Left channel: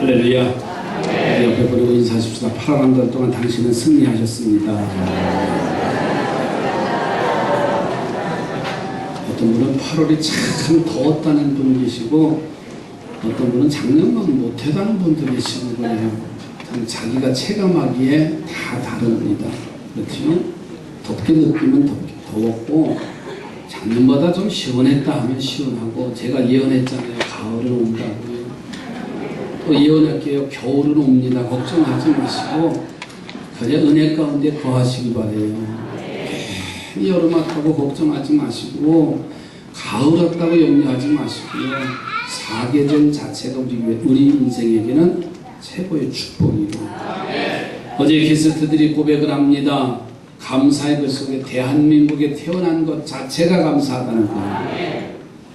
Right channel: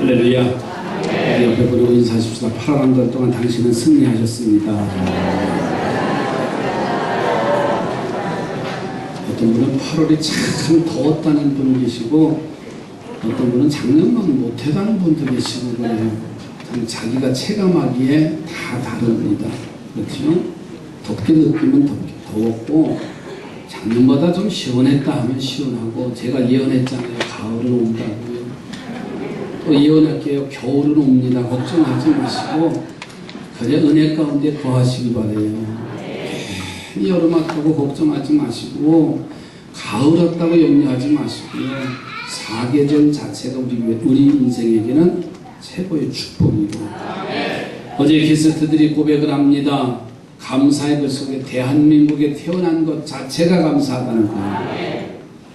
할렐루야. 옆에 보내고 인사하십시다. 8월 한 달 동안 당신은 승리하셨습니다. 어떤 분은 8월이 참 더웠다는 분 계시고, 어떤 분은 작년만 못했다는 분도 계시고 그래요. 참 자기가 체감하기에 다 다릅니다. 그렇죠? 덥게 느끼면 더웠고, 작년보다 좀 시원했다 하면 시원하고, 제가 예언했잖아요. 가을은 온다고요. 또 예언할게요. 겨울은 옵니다. 걱정하지 마시고 그냥 은혜 가운데 거하시기 바래요. 여름 왔다고 걱정하지 마시고, 가을 왔다고 염려하지 마시고요. 사계절 자체가 우리 인생에게는 최고의 축복이고, 어제 게스트들이 고백을 합니다. 감사의 글 속에 대한민국에 태어난 것 자체가 감사하다는 거예요.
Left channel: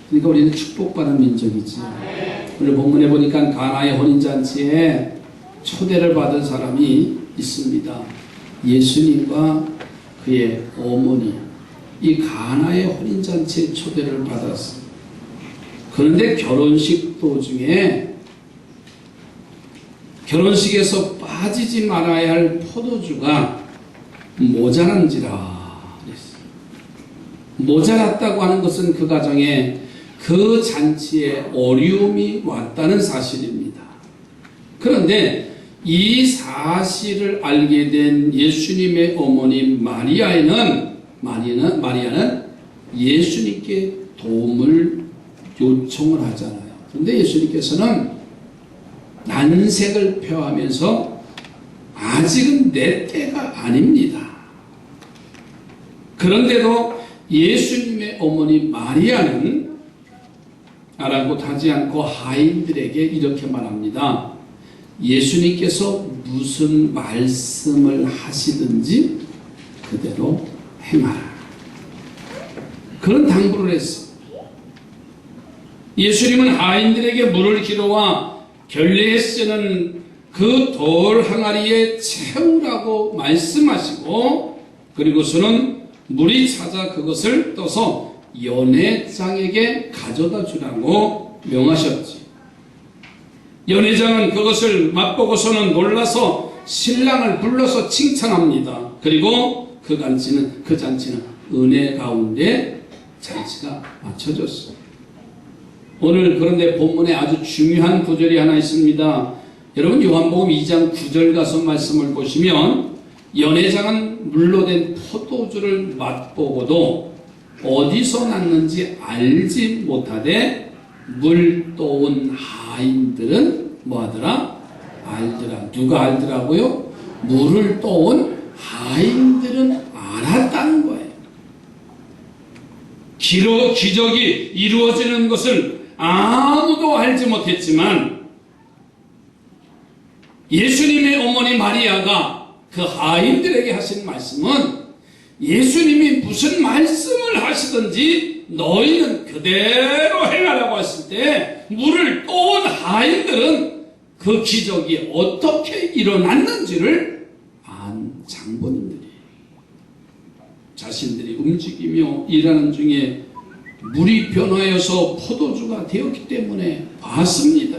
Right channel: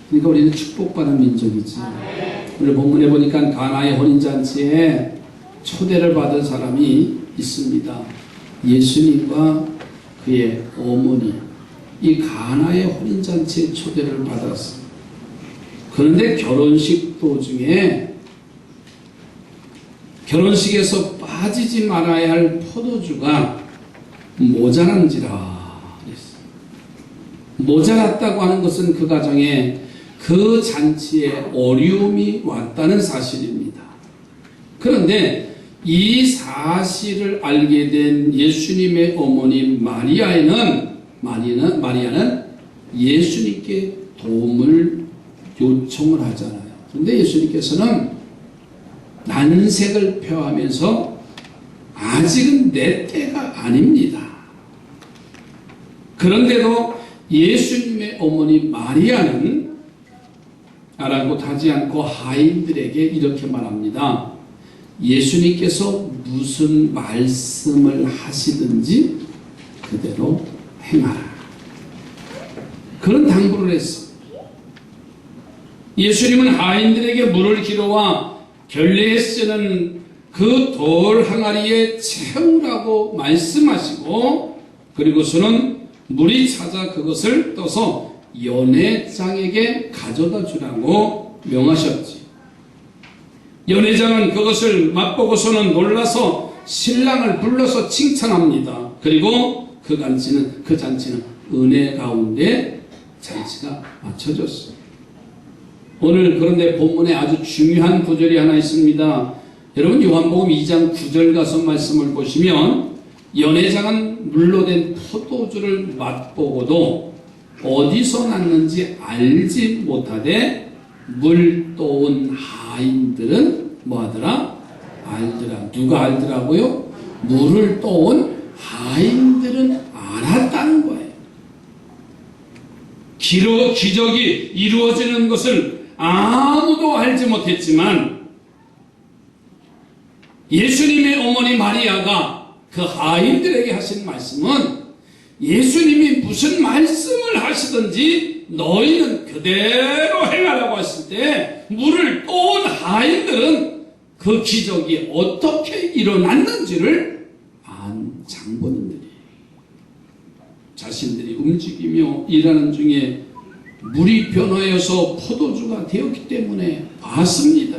그러니까 우리는 축복받은 민족이지. 오늘 본문에 보니까 가나의 혼인잔치에 초대를 받은 사람이 있습니다. 예수님과 그의 어머니, 이 가나의 혼인잔치에 초대를 받았어요. 그런데 결혼식 도중에 결혼식에서 빠지지 말아야 할 포도주가 모자란지라 그랬어요. 모자랐다고 하는 것은 그 가정에, 그 잔치에 어려움이 왔다는 사실입니다. 그런데 이 사실을 알게 된 예수님의 어머니 마리아는 예수님께 도움을 요청을 하잖아요. 그런데 예수님께서는 난색을 표하면서 아직은 내 때가 아닙니다. 그런데도 예수님의 어머니 마리아는 아랑곳하지 않고 하인들에게 이렇게 말합니다. 예수님께서 무슨 말씀을 하시든지 그대로 행하라. 그런 당부를 했습니다. 예수님은 하인들에게 물을 길어와 결례에 쓰는 그 돌 항아리에 채우라고 말씀하시고, 그리고서는 물이 찾아 그것을 떠서 연회장에게 가져다 주라고 명하셨지. 연회장은 그것을 맛보고서는 놀라서 신랑을 불러서 칭찬합니다. 그리고 그 잔치는 은혜 가운데 잔치가 마쳐졌어요. 오늘 그런데 본문에 아주 중요한 구절이 하나 있습니다. 여러분, 요한복음 2장 9절 가서 말씀을 보시면, 연회장은 물로 된 포도주를 맛보고도 어디서 났는지 알지 못하되 물 떠온 하인들은 뭐하더라? 알더라. 누가 알더라고요? 물을 떠온 하인들은 알았다는 거예요. 기적이 이루어지는 것을 아무도 알지 못했지만, 예수님의 어머니 마리아가 그 하인들에게 하신 말씀은, 예수님이 무슨 말씀을 하시든지 너희는 그대로 행하라고 했을 때, 물을 떠온 하인들은 그 기적이 어떻게 일어났는지를 안 장본인들이 자신들이 움직이며 일하는 중에 물이 변화해서 포도주가 되었기 때문에 봤습니다.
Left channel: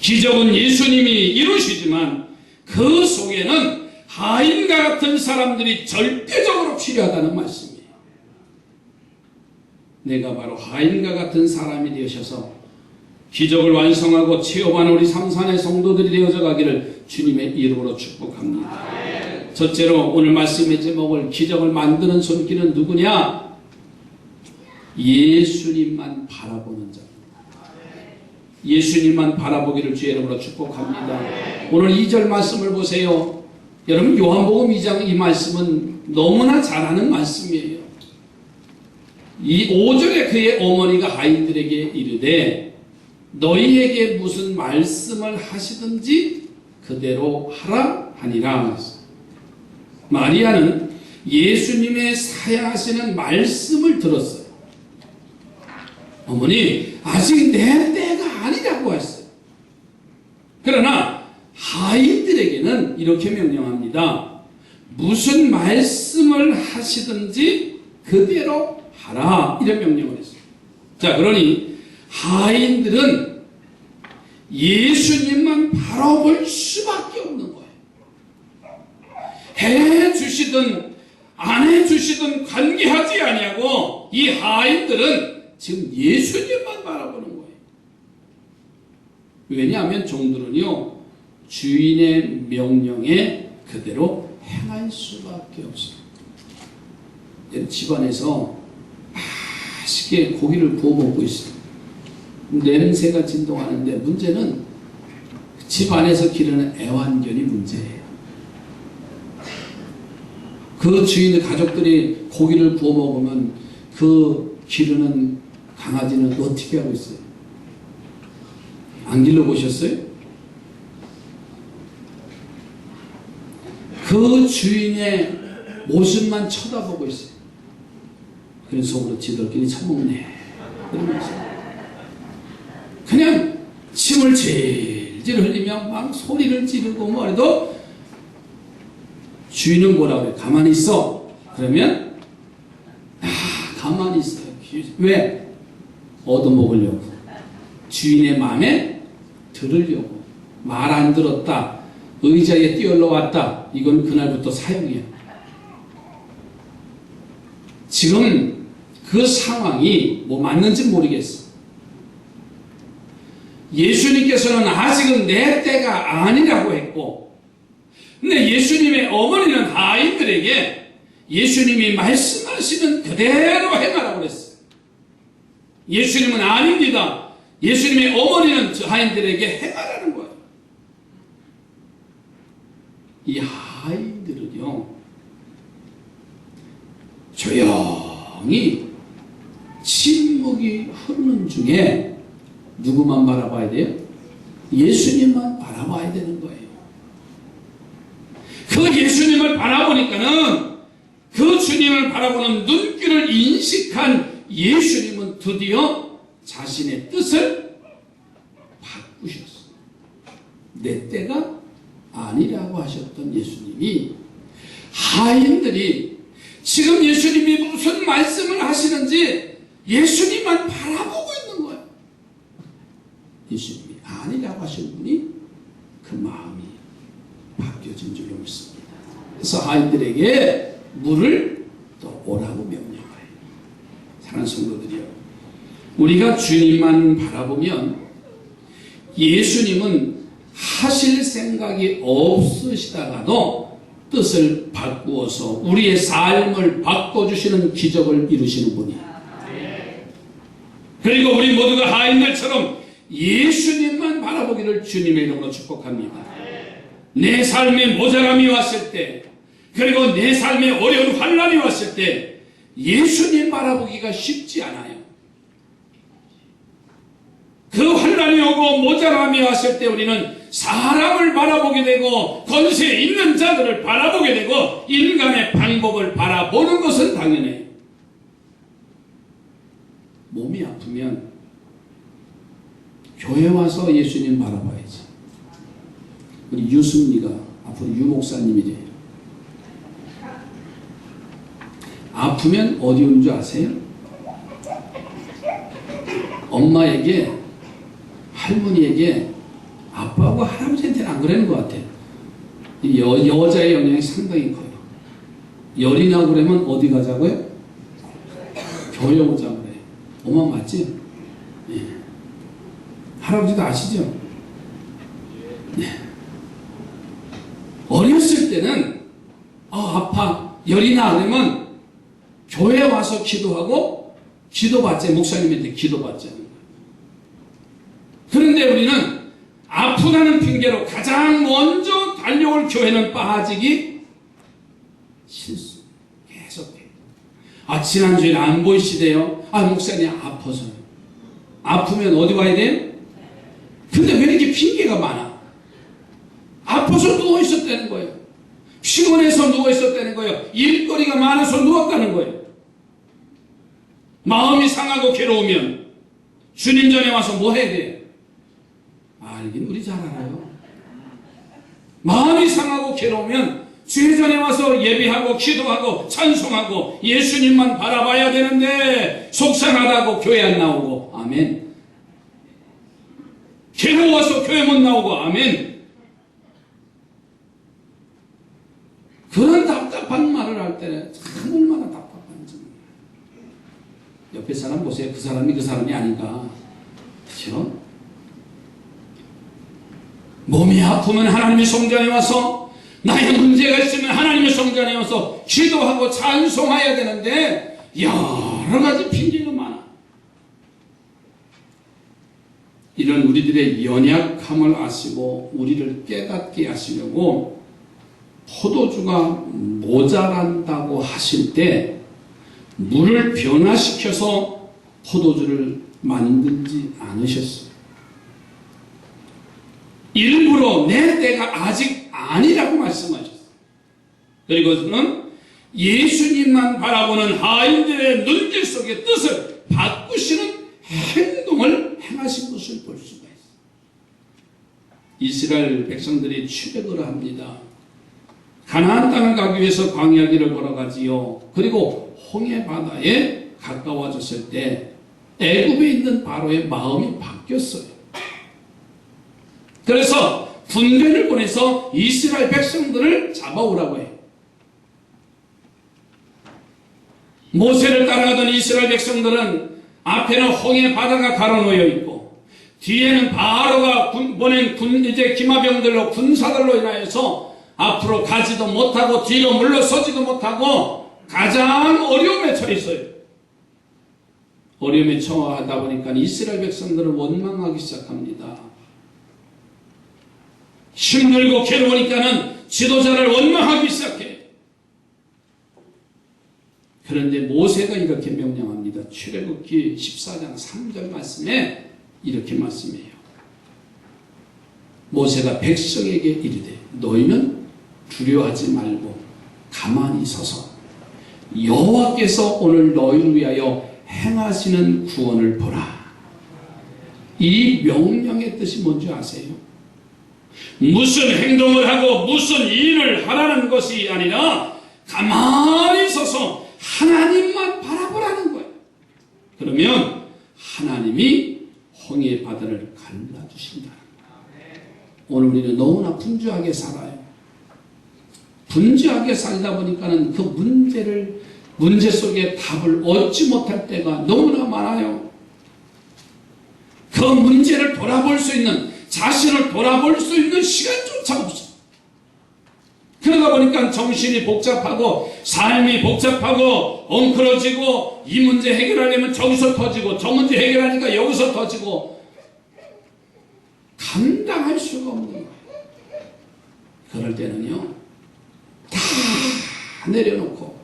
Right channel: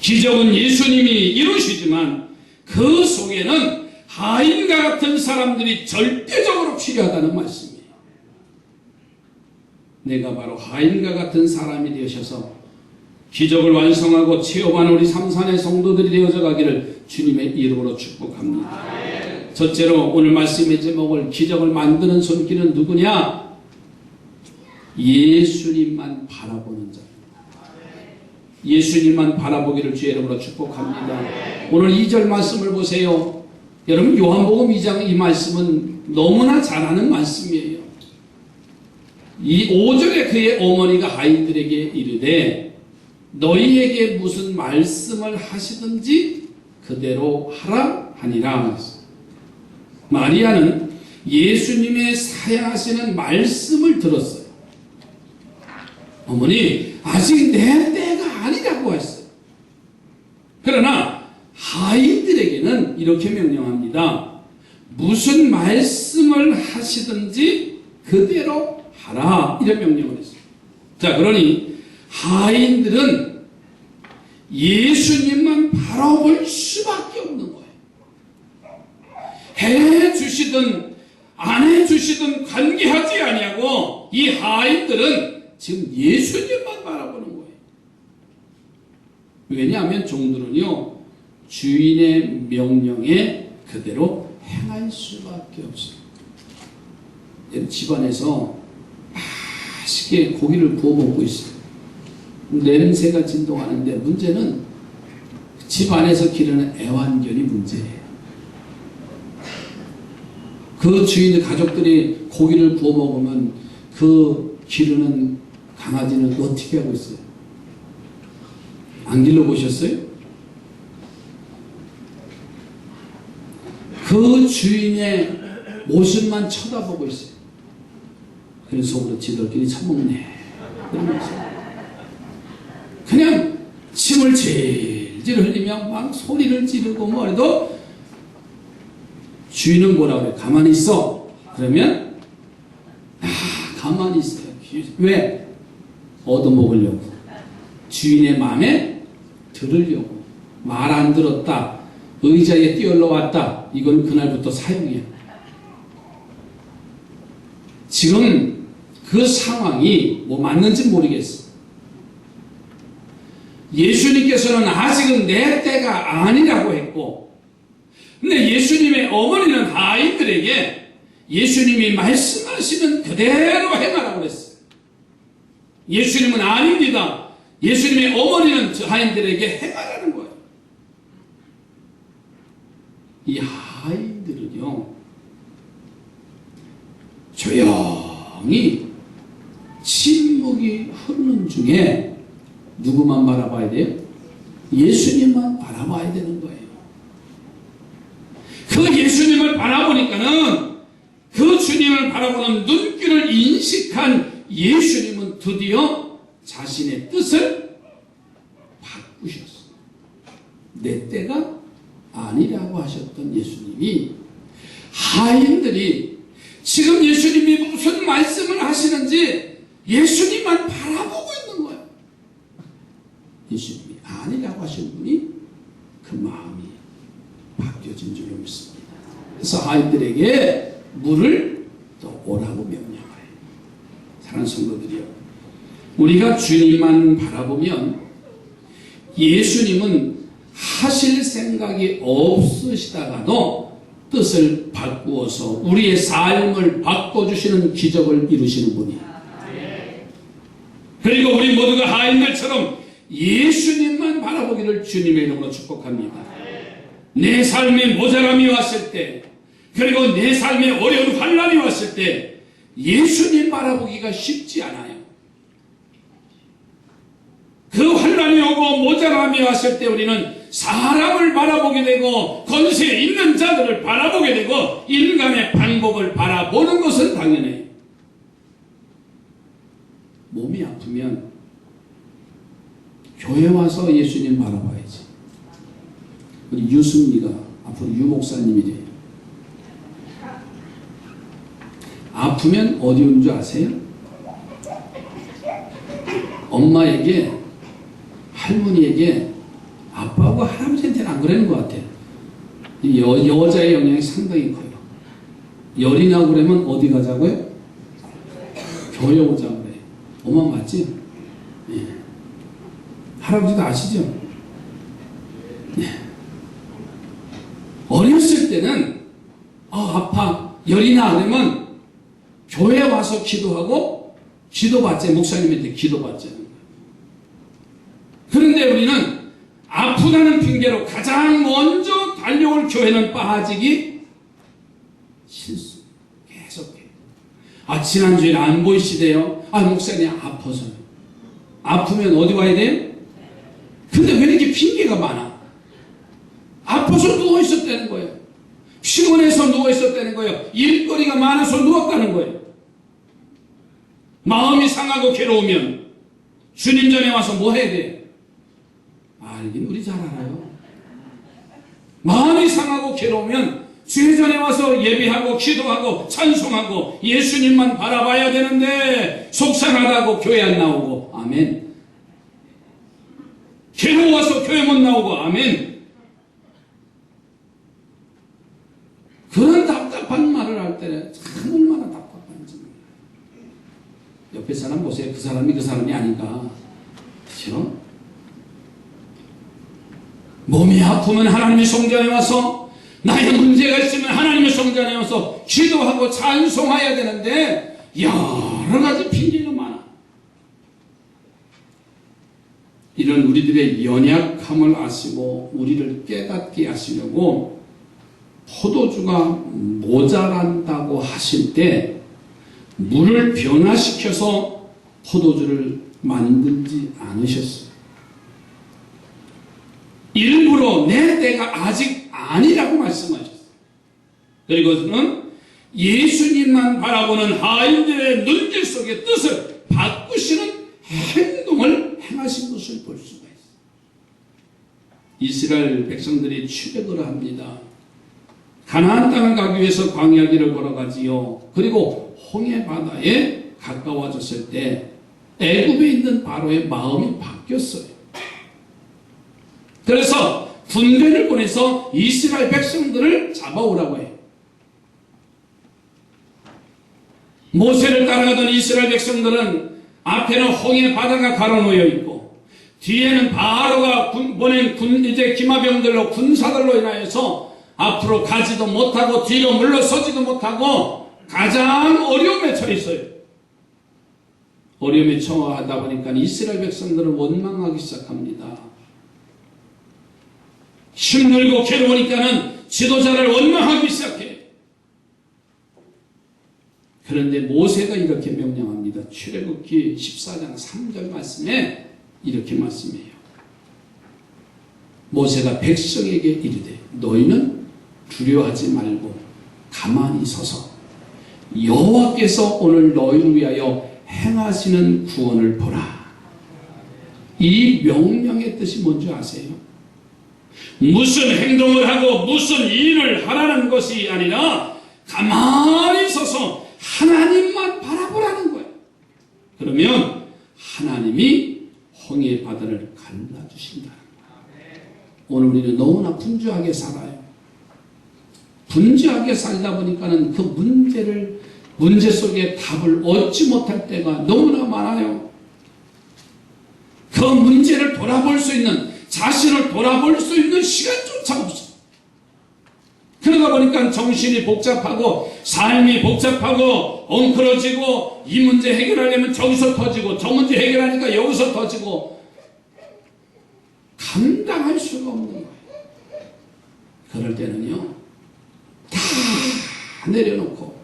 기적은 예수님이 이루시지만 그 속에는 하인과 같은 사람들이 절대적으로 필요하다는 말씀이에요. 내가 바로 하인과 같은 사람이 되셔서 기적을 완성하고 체험하는 우리 삼산의 성도들이 되어져 가기를 주님의 이름으로 축복합니다. 첫째로 오늘 말씀의 제목을, 기적을 만드는 손길은 누구냐? 예수님만 바라보는 자. 예수님만 바라보기를 주의 이름으로 축복합니다. 오늘 2절 말씀을 보세요. 여러분, 요한복음 2장 이 말씀은 너무나 잘 아는 말씀이에요. 이 5절에 그의 어머니가 하인들에게 이르되 너희에게 무슨 말씀을 하시든지 그대로 하라 하니라. 마리아는 예수님의 사양하시는 말씀을 들었어요. 어머니, 아직 내 때가 아니라고 했어요. 그러나 하인들에게는 이렇게 명령합니다. 무슨 말씀을 하시든지 그대로 하라, 이런 명령을 했어요. 자, 그러니 하인들은 예수님만 바라볼 수밖에 없는 거예요. 해주시든 안 해주시든 관계하지 아니하고 이 하인들은 지금 예수님만 바라보는 거예요. 왜냐하면 종들은요, 주인의 명령에 그대로 행할 수밖에 없어요. 집안에서 맛있게 고기를 구워 먹고 있어요. 냄새가 진동하는데 문제는 집안에서 기르는 애완견이 문제예요. 그 주인의 가족들이 고기를 구워 먹으면 그 기르는 강아지는 어떻게 하고 있어요? 안 길러보셨어요? 그 주인의 모습만 쳐다보고 있어요. 그래서 속으로 지들끼리 처먹네 그러면서 그냥 침을 질질 흘리며 막 소리를 지르고 뭐래도 주인은 뭐라고 그래? 가만히 있어. 그러면 가만히 있어요. 왜? 얻어먹으려고. 주인의 마음에 들으려고. 말 안 들었다. 의자에 뛰어올라왔다. 이건 그날부터 사형이야. 지금 그 상황이 뭐 맞는지 모르겠어. 예수님께서는 아직은 내 때가 아니라고 했고, 근데 예수님의 어머니는 하인들에게 예수님이 말씀하시는 그대로 행하라고 그랬어요. 예수님은 아닙니다. 예수님의 어머니는 저 하인들에게 행하라는 거예요. 이 하인들은요, 조용히 침묵이 흐르는 중에 누구만 바라봐야 돼요? 예수님만 바라봐야 되는 거예요. 그 예수님을 바라보니까는 그 주님을 바라보는 눈길을 인식한 예수님은 드디어 자신의 뜻을 바꾸셨어요. 내 때가 아니라고 하셨던 예수님이 하인들이 지금 예수님이 무슨 말씀을 하시는지 예수님만 바라보고 있는 거예요. 예수님이 아니라고 하신 분이 그 마음이 바뀌어진 줄로 믿습니다. 그래서 하인들에게 물을 또 오라고 명령을 해요. 사랑하는 성도들이요, 우리가 주님만 바라보면 예수님은 하실 생각이 없으시다가도 뜻을 바꾸어서 우리의 삶을 바꿔주시는 기적을 이루시는 분이에요. 그리고 우리 모두가 하인들처럼 예수님만 바라보기를 주님의 이름으로 축복합니다. 내 삶에 모자람이 왔을 때, 그리고 내 삶에 어려운 환난이 왔을 때 예수님 바라보기가 쉽지 않아요. 그 환난이 오고 모자람이 왔을 때 우리는 사람을 바라보게 되고 권세 있는 자들을 바라보게 되고 인간의 방법을 바라보는 것은 당연해요. 몸이 아프면 교회 와서 예수님 바라봐야지. 우리 유승리가 앞으로 유목사님이 돼요. 아프면 어디 오는 줄 아세요? 엄마에게, 할머니에게, 아빠하고 할아버지한테는 안 그러는 것 같아요. 여자의 영향이 상당히 커요. 열이 나고 그러면 어디 가자고요? 교회 오자고 그래요. 엄마 맞지? 예. 할아버지도 아시죠? 예. 어렸을 때는 아파, 열이 나 그러면 교회 와서 기도하고 기도받자, 목사님한테 기도받자는 거예요. 그런데 우리는 아프다는 핑계로 가장 먼저 달려올 교회는 빠지기 실수. 계속해요. 지난주에 안 보이시대요. 목사님 아파서요. 아프면 어디 와야 돼요? 근데 왜 이렇게 핑계가 많아? 아파서 누워있었다는 거예요. 피곤해서 누워있었다는 거예요. 일거리가 많아서 누웠다는 거예요. 마음이 상하고 괴로우면 주님 전에 와서 뭐 해야 돼요? 알긴 우리 잘 알아요. 마음이 상하고 괴로우면 주의 전에 와서 예배하고 기도하고 찬송하고 예수님만 바라봐야 되는데 속상하다고 교회 안 나오고, 아멘. 괴로워서 교회 못 나오고 아멘. 그런 답답한 말을 할 때는 참 얼마나 답답한지. 옆에 사람 보세요. 그 사람이 그 사람이 아닌가. 그렇죠? 몸이 아프면 하나님의 성전에 와서, 나의 문제가 있으면 하나님의 성전에 와서 기도하고 찬송해야 되는데 여러 가지 핑계가 많아. 이런 우리들의 연약함을 아시고 우리를 깨닫게 하시려고 포도주가 모자란다고 하실 때 물을 변화시켜서 포도주를 만들지 않으셨어요. 일부러 내 때가 아직 아니라고 말씀하셨어요. 그리고는 예수님만 바라보는 하인들의 눈길 속의 뜻을 바꾸시는 행동을 행하신 것을 볼 수가 있어요. 이스라엘 백성들이 출애굽을 합니다. 가나안 땅을 가기 위해서 광야길을 걸어가지요. 그리고 홍해 바다에 가까워졌을 때 애굽에 있는 바로의 마음이 바뀌었어요. 그래서 군대를 보내서 이스라엘 백성들을 잡아오라고 해요. 모세를 따라가던 이스라엘 백성들은 앞에는 홍해 바다가 가로놓여 있고 뒤에는 바로가 보낸 기마병들로 군사들로 인하여서 앞으로 가지도 못하고 뒤로 물러서지도 못하고 가장 어려움에 처했어요. 어려움에 처하다 보니까 이스라엘 백성들은 원망하기 시작합니다. 힘들고 괴로우니까는 지도자를 원망하기 시작해. 그런데 모세가 이렇게 명령합니다. 출애굽기 14장 3절 말씀에 이렇게 말씀해요. 모세가 백성에게 이르되 너희는 두려워하지 말고 가만히 서서 여호와께서 오늘 너희를 위하여 행하시는 구원을 보라. 이 명령의 뜻이 뭔지 아세요? 무슨 행동을 하고 무슨 일을 하라는 것이 아니라 가만히 서서 하나님만 바라보라는 거예요. 그러면 하나님이 홍해 바다를 갈라주신다는 거예요. 오늘 우리는 너무나 분주하게 살아요. 분주하게 살다 보니까는 그 문제 속에 답을 얻지 못할 때가 너무나 많아요. 그 문제를 돌아볼 수 있는, 자신을 돌아볼 수 있는 시간조차 없어. 그러다 보니까 정신이 복잡하고 삶이 복잡하고 엉클어지고 이 문제 해결하려면 저기서 터지고 저 문제 해결하니까 여기서 터지고 감당할 수가 없는 거예요. 그럴 때는요, 다 내려놓고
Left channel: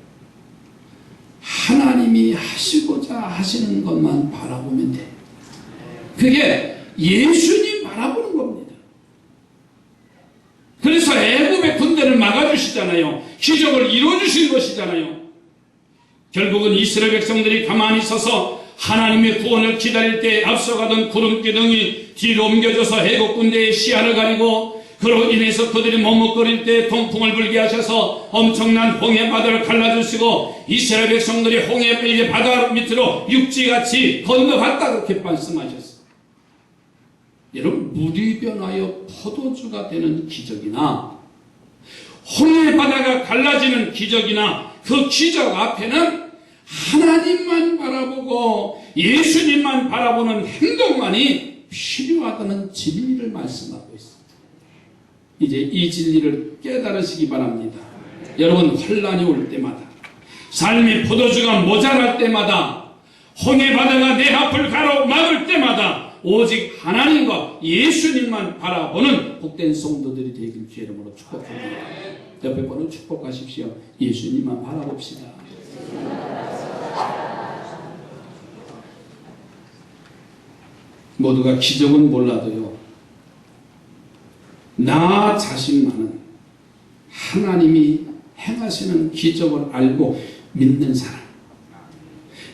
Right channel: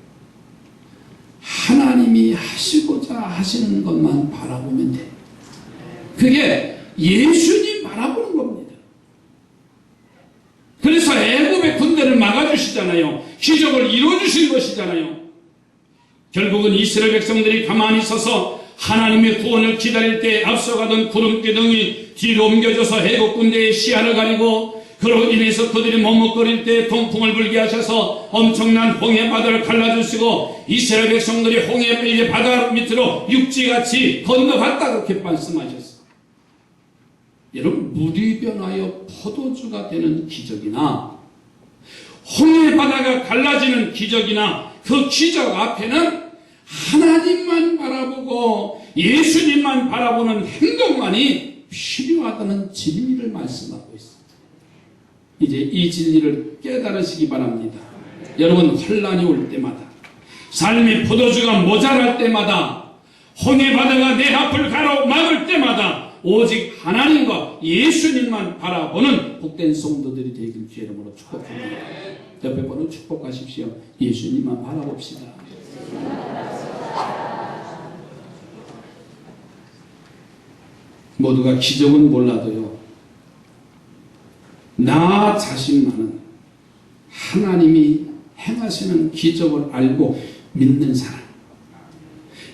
하나님이 하시고자 하시는 것만 바라보면 돼. 그게 예수님 바라보는 겁니다. 그래서 애굽의 군대를 막아주시잖아요. 기적을 이루어주신 것이잖아요. 결국은 이스라엘 백성들이 가만히 서서 하나님의 구원을 기다릴 때 앞서가던 구름 기둥이 뒤로 옮겨져서 애굽 군대의 시야를 가리고 그로 인해서 그들이 머뭇거릴 때 동풍을 불게 하셔서 엄청난 홍해 바다를 갈라주시고 이스라엘 백성들이 홍해 바다 밑으로 육지같이 건너갔다 그렇게 말씀하셨어요. 여러분, 물이 변하여 포도주가 되는 기적이나 홍해 바다가 갈라지는 기적이나 그 기적 앞에는 하나님만 바라보고 예수님만 바라보는 행동만이 필요하다는 진리를 말씀하고 있습니다. 이제 이 진리를 깨달으시기 바랍니다. 여러분, 혼란이 올 때마다, 삶이 포도주가 모자랄 때마다, 홍해 바다가 내 앞을 가로막을 때마다 오직 하나님과 예수님만 바라보는 복된 성도들이 되길 주의 이름으로 축복합니다. 옆에 분은 축복하십시오. 예수님만 바라봅시다. 모두가 기적은 몰라도요, 나 자신만은 하나님이 행하시는 기적을 알고 믿는 사람,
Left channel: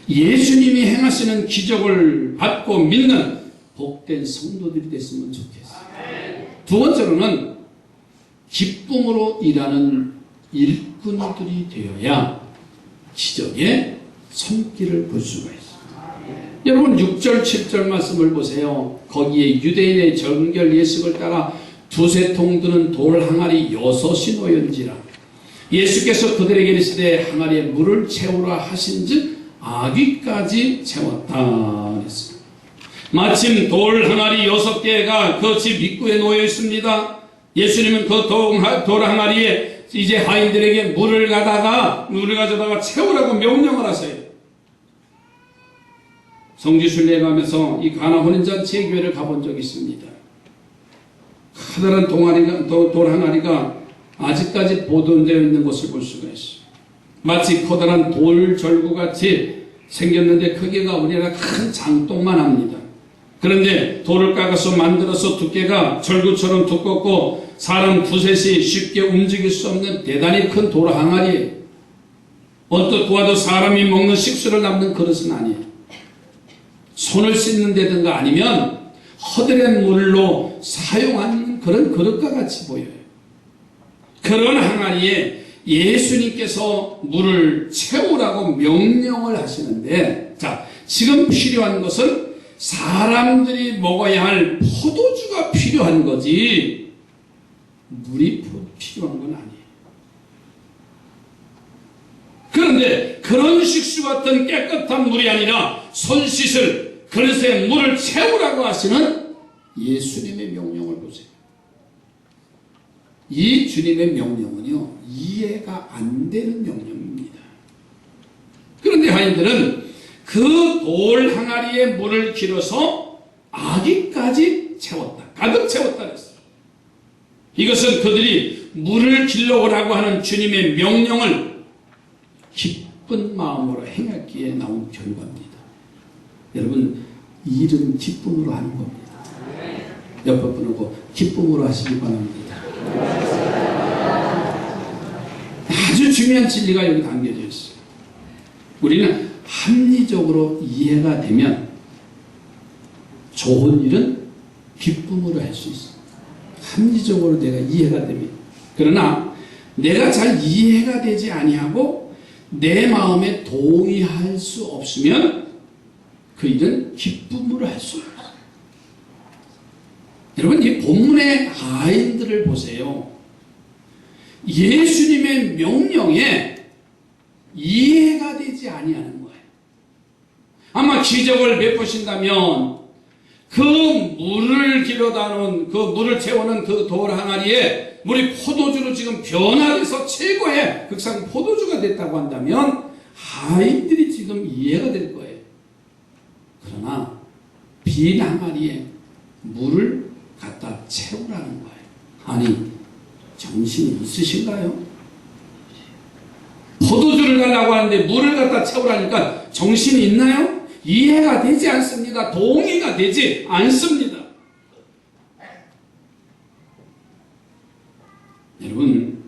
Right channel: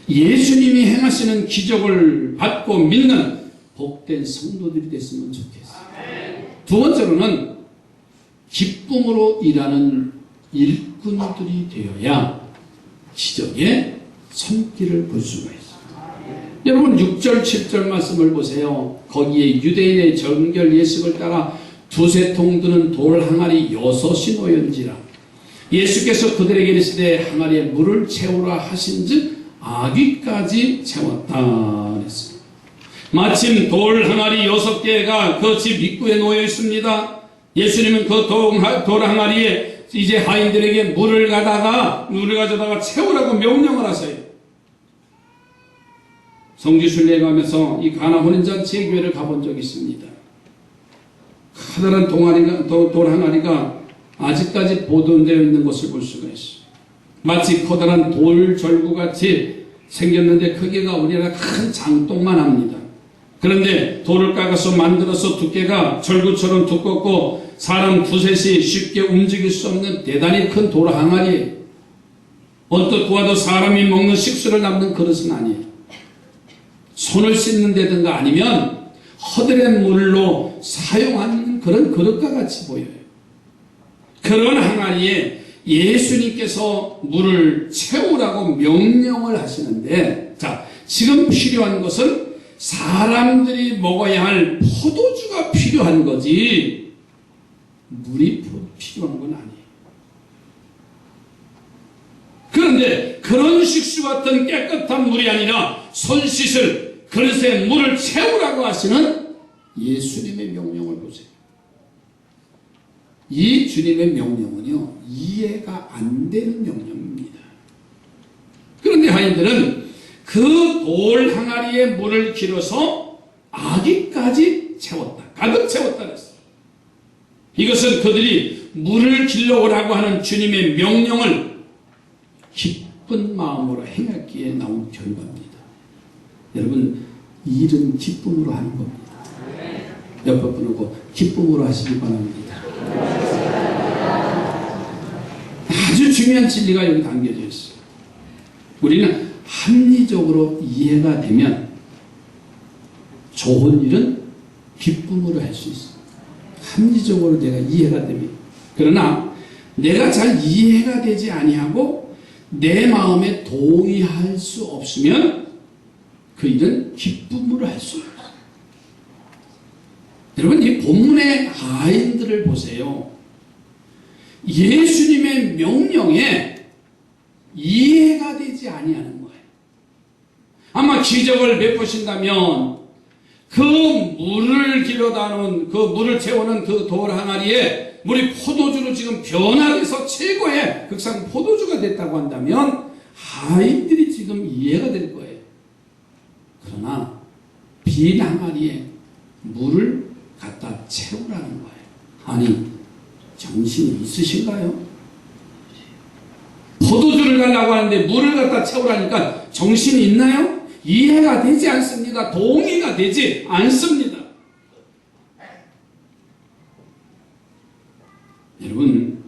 예수님이 행하시는 기적을 받고 믿는 복된 성도들이 됐으면 좋겠어요. 두 번째로는 기쁨으로 일하는 일꾼들이 되어야 기적의 손길을 볼 수가 있어요. 여러분 6절 7절 말씀을 보세요. 거기에 유대인의 정결 예식을 따라 두세 통 드는 돌 항아리 6이 놓였는지라. 예수께서 그들에게 이르시되 항아리에 물을 채우라 하신즉 아귀까지 채웠다 그랬습니다. 마침 돌 항아리 6개가 그 집 입구에 놓여 있습니다. 예수님은 그 돌 항아리에 이제 하인들에게 물을 가져다가 채우라고 명령을 하세요. 성지순례에 가면서 이 가나 혼인잔치의 교회를 가본 적이 있습니다. 커다란 돌 항아리가 아직까지 보존되어 있는 것을 볼 수가 있어요. 마치 커다란 돌 절구같이 생겼는데 크기가 우리나라 큰 장독만 합니다. 그런데 돌을 깎아서 만들어서 두께가 절구처럼 두껍고 사람 두셋이 쉽게 움직일 수 없는 대단히 큰 돌 항아리예요. 언뜻 보아도 사람이 먹는 식수를 담는 그릇은 아니에요. 손을 씻는 데든가 아니면 허드렛 물로 사용하는 그런 그릇과 같이 보여요. 그런 항아리에 예수님께서 물을 채우라고 명령을 하시는데, 자, 지금 필요한 것은 사람들이 먹어야 할 포도주가 필요한 거지 물이 필요한 건 아니에요. 그런데 그런 식수 같은 깨끗한 물이 아니라 손 씻을 그릇에 물을 채우라고 하시는 예수님의 명령을 보세요. 이 주님의 명령은요, 이해가 안 되는 명령입니다. 그런데 하인들은 그 돌 항아리에 물을 길어서 아기까지 채웠다. 가득 채웠다 그랬어요. 이것은 그들이 물을 길러오라고 하는 주님의 명령을 기쁜 마음으로 행했기에 나온 결과입니다. 여러분, 일은 기쁨으로 하는 겁니다. 옆에 분하고 기쁨으로 하시기 바랍니다. 아주 중요한 진리가 여기 담겨져 있어요. 우리는 합리적으로 이해가 되면 좋은 일은 기쁨으로 할 수 있어요. 합리적으로 내가 이해가 됩니다. 그러나 내가 잘 이해가 되지 아니하고 내 마음에 동의할 수 없으면 그 일은 기쁨으로 할 수 없어요. 여러분, 이 본문의 하인들을 보세요. 예수님의 명령에 이해가 되지 아니하는 거예요. 아마 기적을 베푸신다면 그 물을 길어다 놓은 그 물을 채우는 그 돌 항아리에 물이 포도주로 지금 변화돼서 최고의 극상 포도주가 됐다고 한다면 하인들이 지금 이해가 될 거예요. 그러나 빈 항아리에 물을 갖다 채우라는 거예요. 아니, 정신이 있으신가요? 포도주를 달라고 하는데 물을 갖다 채우라니까 정신이 있나요? 이해가 되지 않습니다. 동의가 되지 않습니다. 여러분,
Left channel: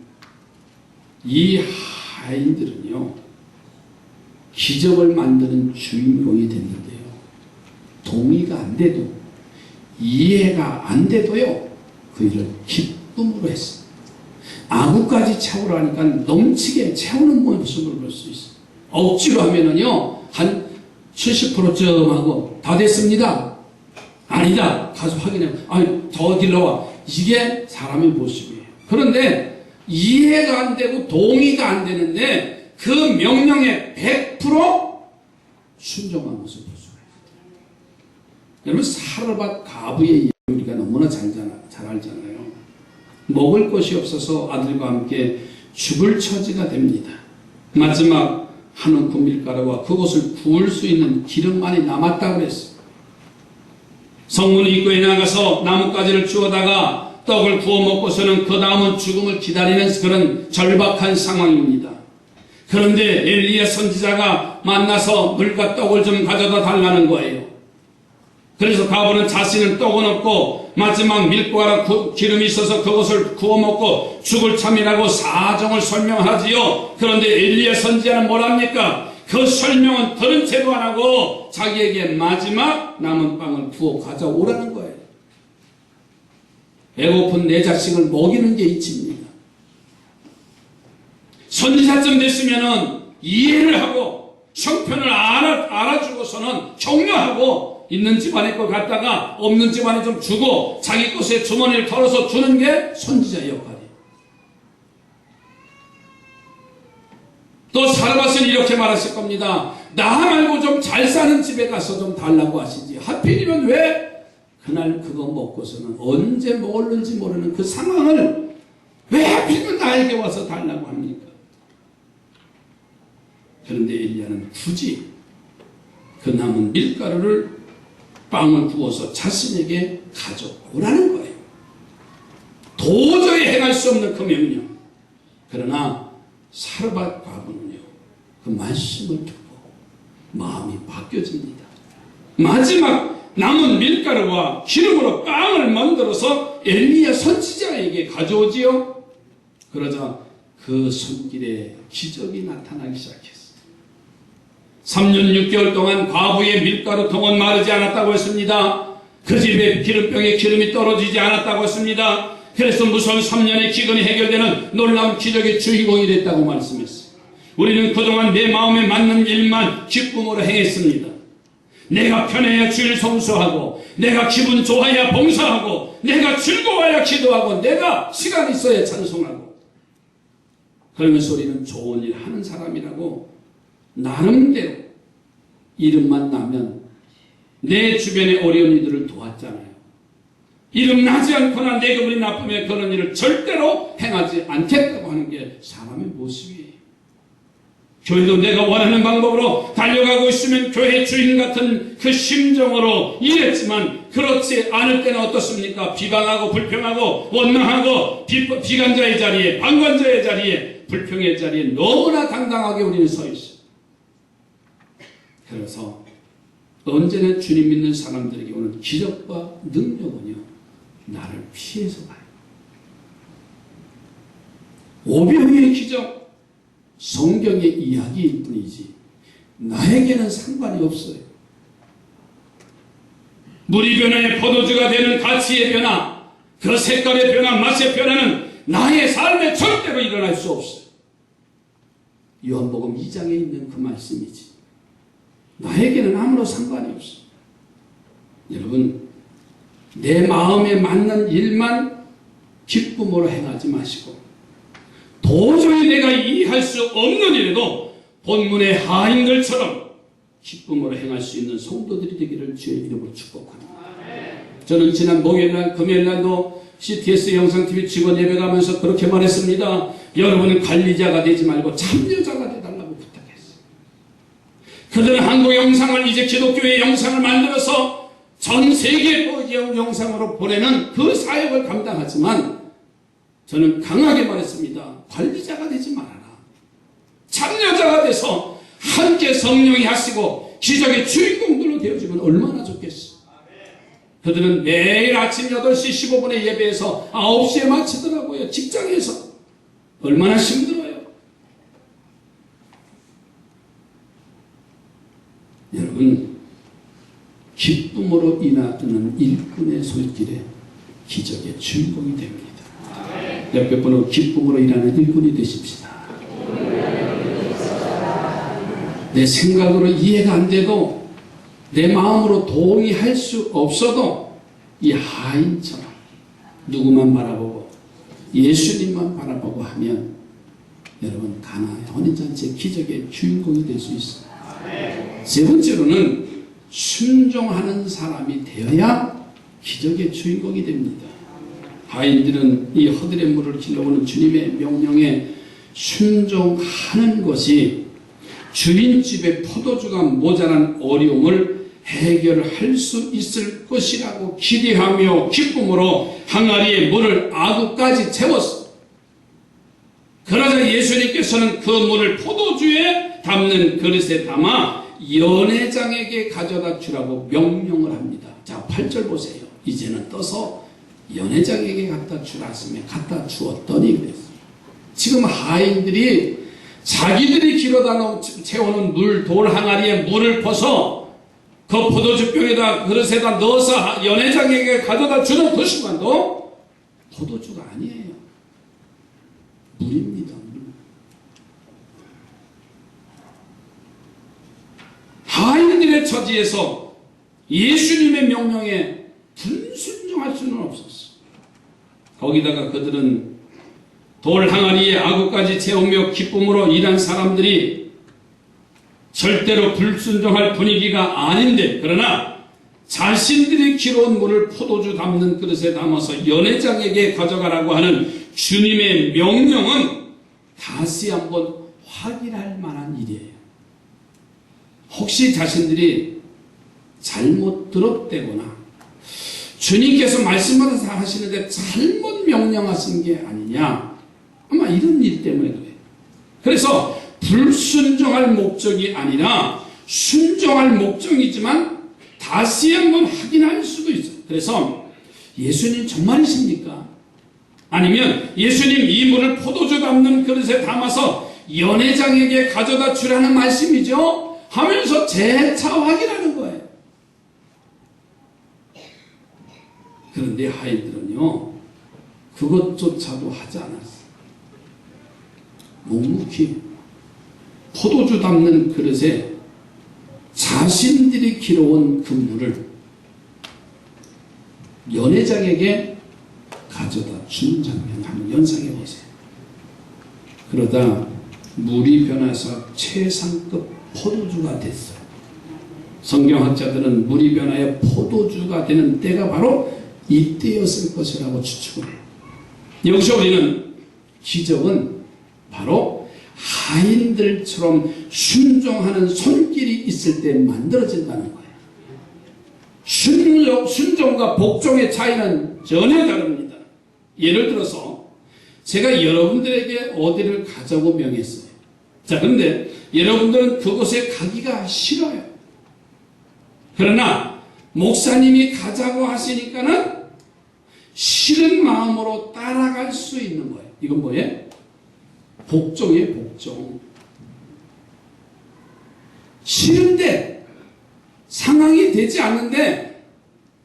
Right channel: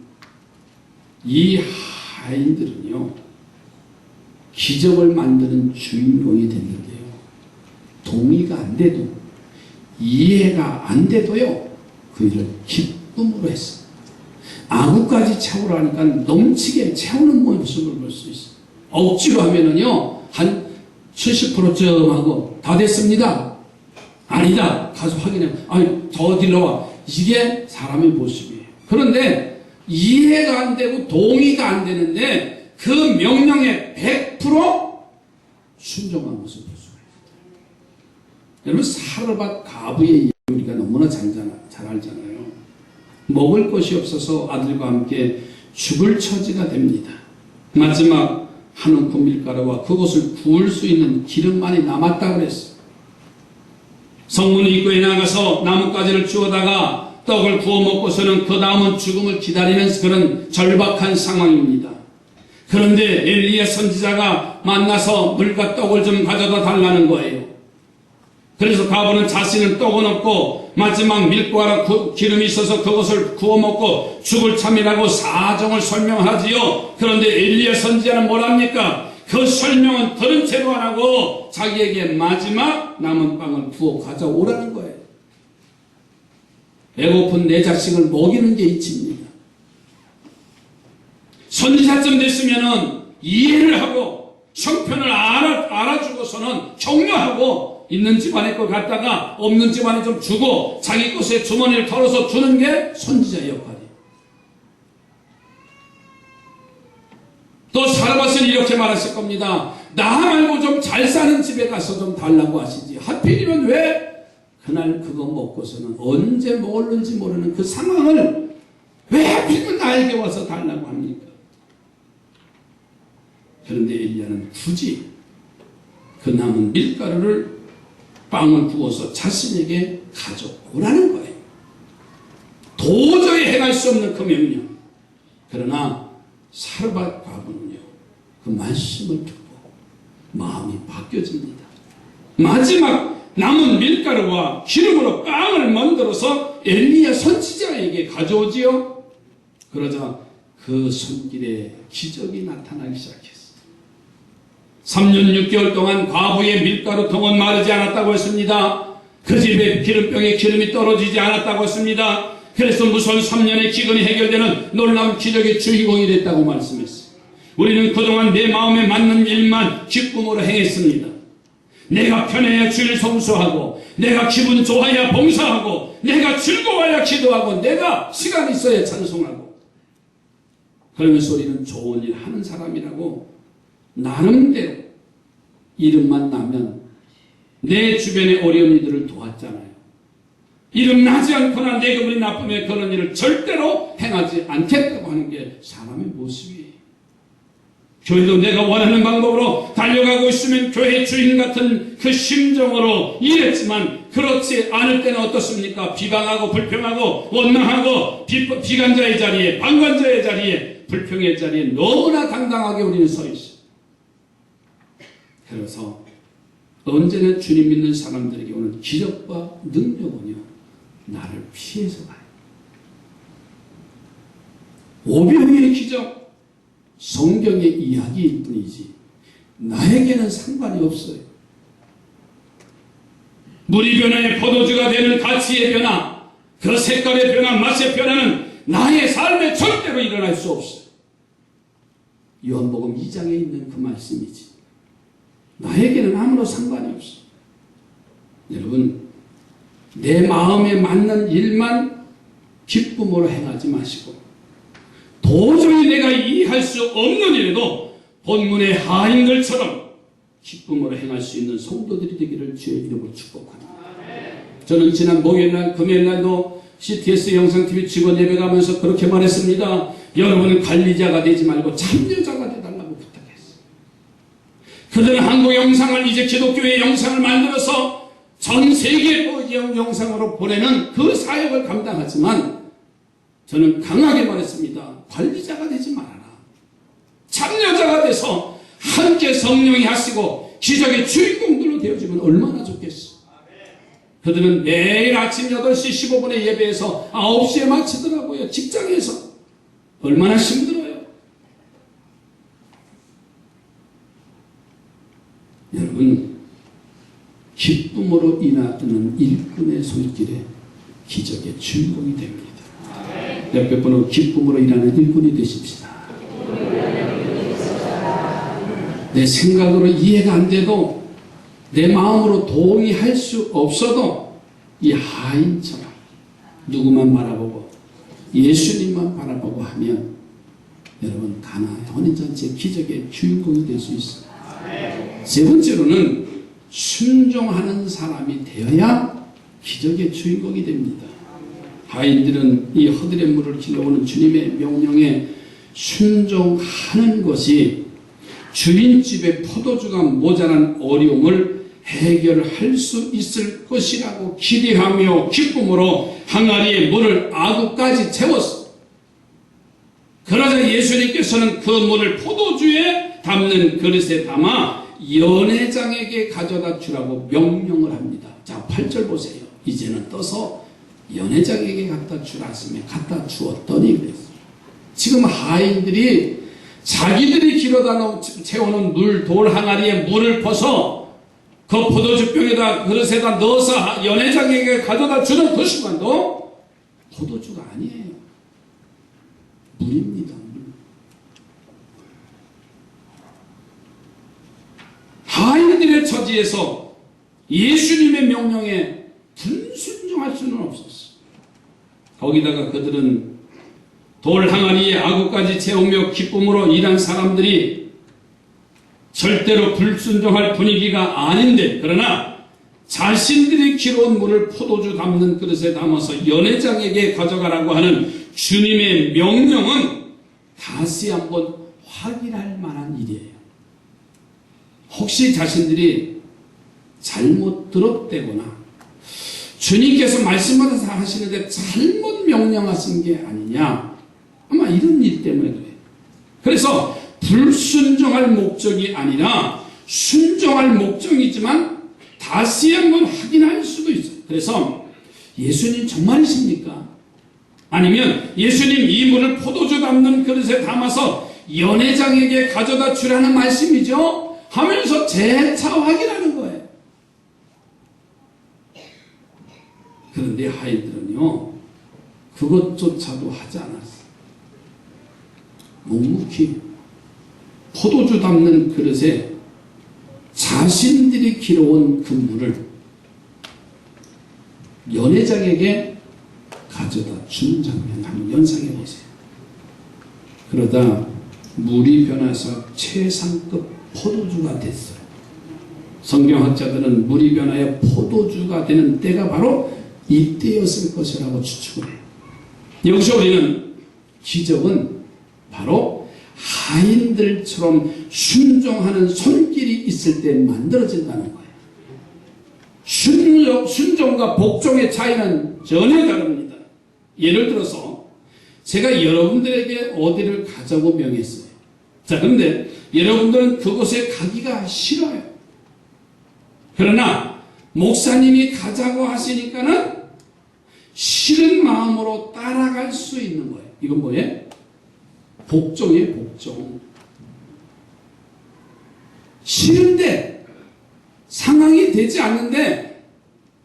이 하인들은요, 기적을 만드는 주인공이 됐는데요, 동의가 안 돼도, 이해가 안 돼도요, 그 일을 기쁨으로 했어요. 아구까지 채우라니까 넘치게 채우는 모습을 볼 수 있어요. 억지로 하면은요, 한 70%쯤 하고 다 됐습니다. 아니다. 가서 확인해. 아니, 더 길러와. 이게 사람의 모습이에요. 그런데 이해가 안 되고 동의가 안 되는데 그 명령에 100% 순종한 모습을 볼 수가 있어요. 여러분, 사르밧 가부의 우리가 너무나 잘 알잖아요. 먹을 것이 없어서 아들과 함께 죽을 처지가 됩니다. 마지막 한 움큼 밀가루와 그것을 구울 수 있는 기름만이 남았다고 그랬어요. 성문 입구에 나가서 나뭇가지를 주워다가 떡을 구워 먹고서는 그 다음은 죽음을 기다리는 그런 절박한 상황입니다. 그런데 엘리야 선지자가 만나서 물과 떡을 좀 가져다 달라는 거예요. 그래서 가부는 자신은 떡은 없고 마지막 밀가루 기름이 있어서 그것을 구워 먹고 죽을 참이라고 사정을 설명하지요. 그런데 엘리야 선지자는 뭐랍니까? 그 설명은 들은 채도 안 하고 자기에게 마지막 남은 빵을 부어 가져오라는 거예요. 배고픈 내 자식을 먹이는 게 이치입니다. 선지자쯤 됐으면은 이해를 하고 형편을 알아주고서는 격려하고 있는 집안에 거 갖다가 없는 집안에 좀 주고 자기 것에 주머니를 털어서 주는 게 선지자의 역할이에요. 또 사르밧은 이렇게 말하실 겁니다. 나 말고 좀 잘 사는 집에 가서 좀 달라고 하시지. 하필이면 왜 그날 그거 먹고서는 언제 먹을는지 모르는 그 상황을 왜 하필이면 나에게 와서 달라고 합니까? 그런데 엘리야는 굳이 그 남은 밀가루를 빵을 구워서 자신에게 가져오라는 거예요. 도저히 행할 수 없는 그 명령. 그러나 사르밧 과부는요, 그 말씀을 듣고 마음이 바뀌어집니다. 마지막 남은 밀가루와 기름으로 빵을 만들어서 엘리야 선지자에게 가져오지요. 그러자 그 손길에 기적이 나타나기 시작했어요. 3년 6개월 동안 과부의 밀가루통은 마르지 않았다고 했습니다. 그 집에 기름병에 기름이 떨어지지 않았다고 했습니다. 그래서 무서운 3년의 기근이 해결되는 놀라운 기적의 주인공이 됐다고 말씀했어요. 우리는 그동안 내 마음에 맞는 일만 기쁨으로 행했습니다. 내가 편해야 주일 성수하고, 내가 기분 좋아야 봉사하고, 내가 즐거워야 기도하고, 내가 시간 있어야 찬송하고, 그러면서 우리는 좋은 일 하는 사람이라고 나름대로 이름만 나면 내 주변의 어려운 이들을 도왔잖아요. 이름 나지 않거나 내 기분이 나쁘면 그런 일을 절대로 행하지 않겠다고 하는 게 사람의 모습이에요. 교회도 내가 원하는 방법으로 달려가고 있으면 교회 주인 같은 그 심정으로 일했지만 그렇지 않을 때는 어떻습니까? 비방하고 불평하고 원망하고 비관자의 자리에, 방관자의 자리에, 불평의 자리에 너무나 당당하게 우리는 서 있어요. 그래서 언제나 주님 믿는 사람들에게 오는 기적과 능력은요, 나를 피해서 가요. 오병이의 기적, 성경의 이야기일 뿐이지 나에게는 상관이 없어요. 물이 변화에 포도주가 되는 가치의 변화, 그 색깔의 변화, 맛의 변화는 나의 삶에 절대로 일어날 수 없어요. 요한복음 2장에 있는 그 말씀이지 나에게는 아무런 상관이 없어요. 여러분, 내 마음에 맞는 일만 기쁨으로 행하지 마시고, 도저히 내가 이해할 수 없는 일에도 본문의 하인들처럼 기쁨으로 행할 수 있는 성도들이 되기를 주의 이름으로 축복합니다. 저는 지난 목요일날, 금요일날도 CTS 영상TV 직원 예배 가면서 그렇게 말했습니다. 여러분은 관리자가 되지 말고 참여자가 되달라고 부탁했어요. 그들은 한국 영상을, 이제 기독교의 영상을 만들어서 전 세계 영상으로 보내는 그 사역을 감당하지만 저는 강하게 말했습니다. 관리자가 되지 말아라. 참여자가 돼서 함께 성령이 하시고 기적의 주인공들로 되어지면 얼마나 좋겠어. 그들은 매일 아침 8시 15분에 예배해서 9시에 마치더라고요. 직장에서. 얼마나 힘들어요. 여러분, 기쁨으로 인하는 일꾼의 손길에 기적의 주인공이 됩니다. 옆에 분으로 기쁨으로 일하는 일꾼이 되십시다. 내 생각으로 이해가 안 돼도, 내 마음으로 동의할 수 없어도 이 하인처럼 누구만 바라보고 예수님만 바라보고 하면 여러분, 가나의 혼인잔치의 기적의 주인공이 될 수 있어요. 세 번째로는 순종하는 사람이 되어야 기적의 주인공이 됩니다. 하인들은 이 허들의 물을 길러오는 주님의 명령에 순종하는 것이 주인집에 포도주가 모자란 어려움을 해결할 수 있을 것이라고 기대하며 기쁨으로 항아리에 물을 아구까지 채웠어. 그러자 예수님께서는 그 물을 포도주에 담는 그릇에 담아 연회장에게 가져다 주라고 명령을 합니다. 자, 8절 보세요. 이제는 떠서 연회장에게 갖다 주라 했으면 갖다 주었더니 그랬어요. 지금 하인들이 자기들이 길어다 채우는 돌 항아리에 물을 퍼서 그 포도주병에다 그릇에다 넣어서 연회장에게 가져다 주는 그 순간도 포도주가 아니에요. 물입니다. 물. 그들의 처지에서 예수님의 명령에 불순종할 수는 없었어. 거기다가 그들은 돌 항아리에 아구까지 채우며 기쁨으로 일한 사람들이 절대로 불순종할 분위기가 아닌데, 그러나 자신들이 길어온 물을 포도주 담는 그릇에 담아서 연회장에게 가져가라고 하는 주님의 명령은 다시 한번 확인할 만한 일이에요. 혹시 자신들이 잘못 들었대거나 주님께서 말씀을 하시는데 잘못 명령하신 게 아니냐, 아마 이런 일 때문에 그래요. 그래서 불순종할 목적이 아니라 순종할 목적이지만 다시 한번 확인할 수도 있어요. 그래서 예수님 정말이십니까? 아니면 예수님 이 물을 포도주 담는 그릇에 담아서 연회장에게 가져다 주라는 말씀이죠? 하면서 재차 확인하는 거예요. 그런데 아이들은요, 그것조차도 하지 않았어요. 묵묵히 포도주 담는 그릇에 자신들이 길어온 그 물을 연회장에게 가져다 주는 장면 한번 연상해 보세요. 그러다 물이 변해서 최상급 포도주가 됐어요. 성경학자들은 물이 변하여 포도주가 되는 때가 바로 이때였을 것이라고 추측을 해요. 여기서 우리는 기적은 바로 하인들처럼 순종하는 손길이 있을 때 만들어진다는 거예요. 순종과 복종의 차이는 전혀 다릅니다. 예를 들어서 제가 여러분들에게 어디를 가자고 명했어요. 자, 그런데 여러분들은 그곳에 가기가 싫어요. 그러나 목사님이 가자고 하시니까는 싫은 마음으로 따라갈 수 있는 거예요. 이건 뭐예요? 복종이에요, 복종. 싫은데 상황이 되지 않는데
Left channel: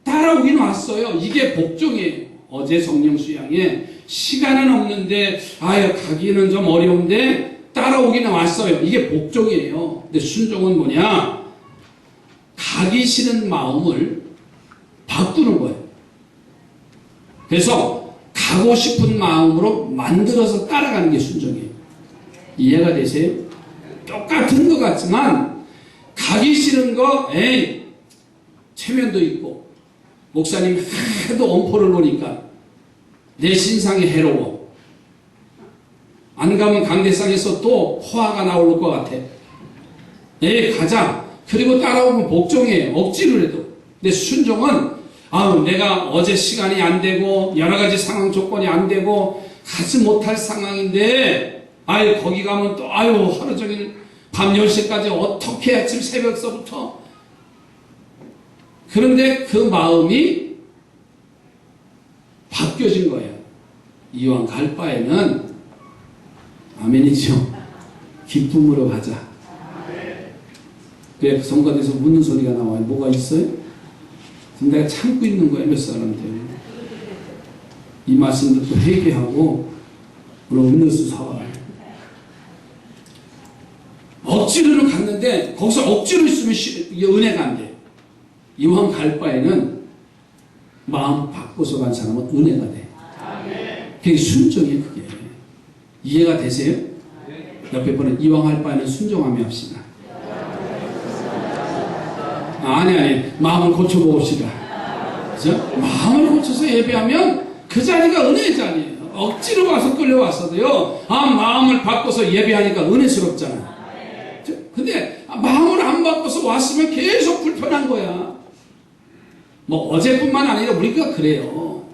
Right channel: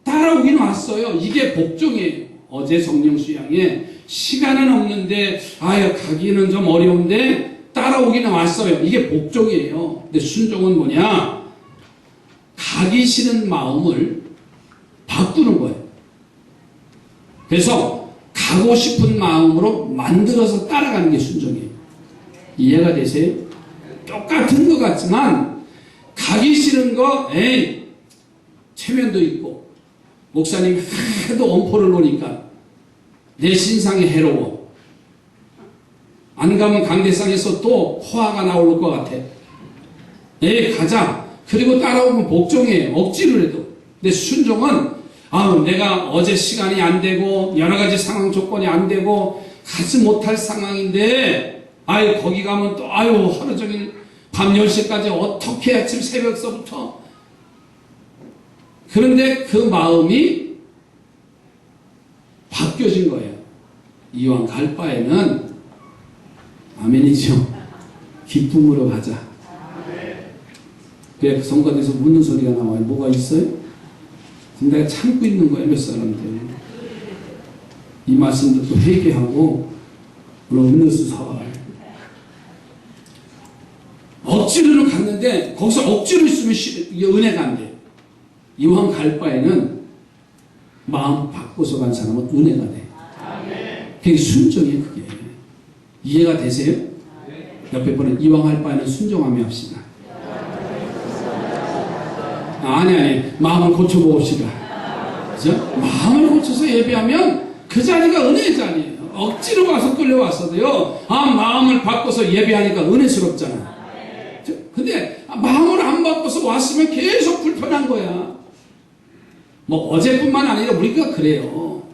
따라오긴 왔어요. 이게 복종이에요. 어제 성령 수양에 시간은 없는데 가기는 좀 어려운데 따라오기는 왔어요. 이게 복종이에요. 근데 순종은 뭐냐? 가기 싫은 마음을 바꾸는 거예요. 그래서 가고 싶은 마음으로 만들어서 따라가는 게 순종이에요. 이해가 되세요? 똑같은 것 같지만 가기 싫은 거 체면도 있고 목사님이 하도 엄포를 놓으니까 내 신상이 해로워. 안 가면 강대상에서 또 화가 나올 것 같아. 가자. 그리고 따라오면 복종이에요. 억지로 해도. 근데 순종은 내가 어제 시간이 안 되고 여러 가지 상황 조건이 안 되고 가지 못할 상황인데 거기 가면 또 하루 종일 밤 10시까지 어떻게 아침 새벽서부터. 그런데 그 마음이 바뀌어진 거예요. 이왕 갈 바에는 아멘이죠. 기쁨으로 가자. 왜 성가대에서 묻는 소리가 나와요? 뭐가 있어요? 지금 내가 참고 있는 거예요, 몇 사람들. 이 말씀 듣고 회개하고 오늘 음료수 사와요. 억지로는 갔는데 거기서 억지로 있으면 이게 은혜가 안 돼요. 이왕 갈 바에는 마음 바꿔서 간 사람은 은혜가 돼. 그게 순종이에요, 그게. 이해가 되세요? 옆에 분은 이왕 할 바에는 순종하며 합시다. 아니 마음을 고쳐봅시다. 그죠? 마음을 고쳐서 예배하면 그 자리가 은혜의 자리예요. 억지로 와서 끌려왔어도요, 마음을 바꿔서 예배하니까 은혜스럽잖아. 근데 마음을 안 바꿔서 왔으면 계속 불편한 거야. 어제뿐만 아니라 우리가 그래요.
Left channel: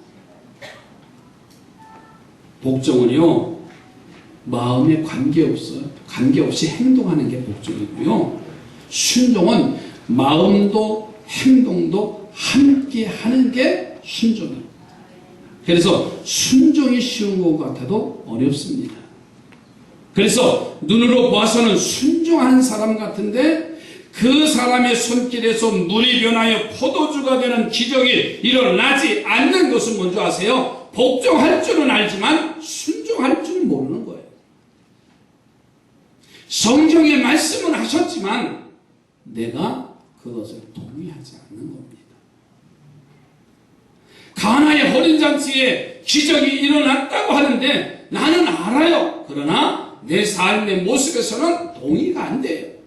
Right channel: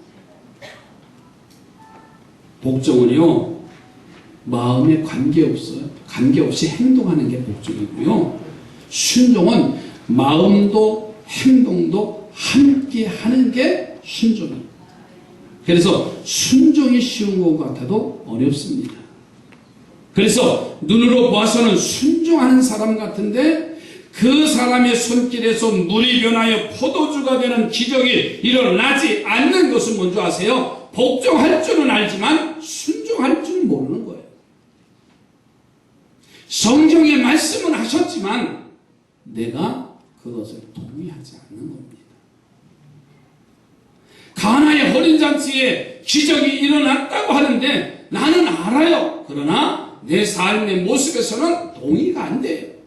복종은요, 마음에 관계없이 행동하는 게 복종이고요. 순종은 마음도 행동도 함께 하는 게 순종이에요. 그래서 순종이 쉬운 것 같아도 어렵습니다. 그래서 눈으로 보아서는 순종하는 사람 같은데 그 사람의 손길에서 물이 변하여 포도주가 되는 기적이 일어나지 않는 것은 뭔지 아세요? 복종할 줄은 알지만 순종할 줄은 모르는 거예요. 성경에 말씀은 하셨지만 내가 그 그것을 동의하지 않는 겁니다. 가나의 혼인잔치에 기적이 일어났다고 하는데 나는 알아요. 그러나 내 삶의 모습에서는 동의가 안 돼요.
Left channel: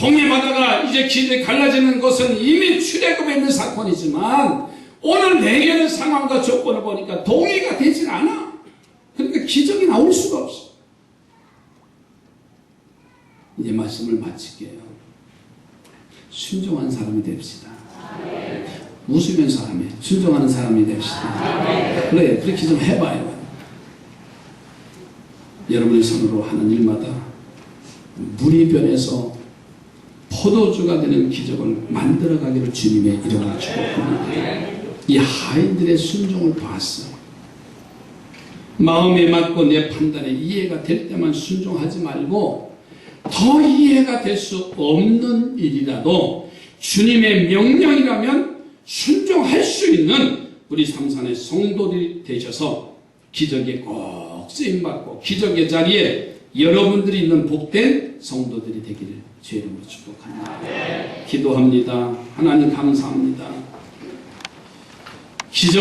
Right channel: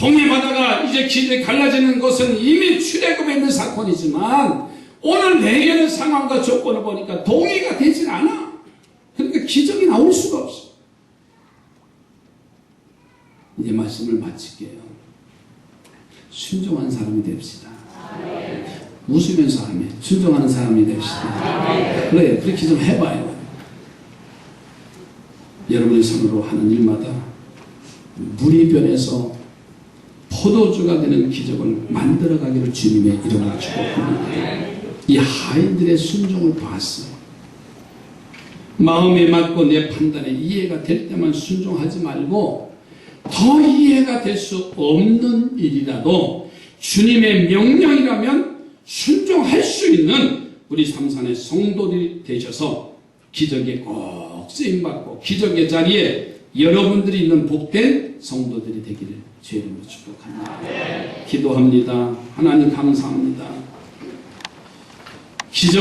홍해바다가 이제 길이 갈라지는 것은 이미 출애굽에 있는 사건이지만 오늘 내게의 상황과 조건을 보니까 동의가 되질 않아. 그러니까 기적이 나올 수가 없어. 이제 말씀을 마칠게요. 순종한 사람이 됩시다. 웃으면서 하며 순종하는 사람이 됩시다. 그래요. 그렇게 좀 해봐요. 여러분의 손으로 하는 일마다 물이 변해서 포도주가 되는 기적을 만들어가기를 주님의 이름으로 축복합니다. 이 하인들의 순종을 봤어. 마음에 맞고 내 판단에 이해가 될 때만 순종하지 말고 더 이해가 될 수 없는 일이라도 주님의 명령이라면 순종할 수 있는 우리 삼산의 성도들이 되셔서 기적에 꼭 쓰임받고 기적의 자리에 여러분들이 있는 복된 성도들이 되기를 주의 이름으로 축복합니다. 기도합니다. 하나님 감사합니다. 기적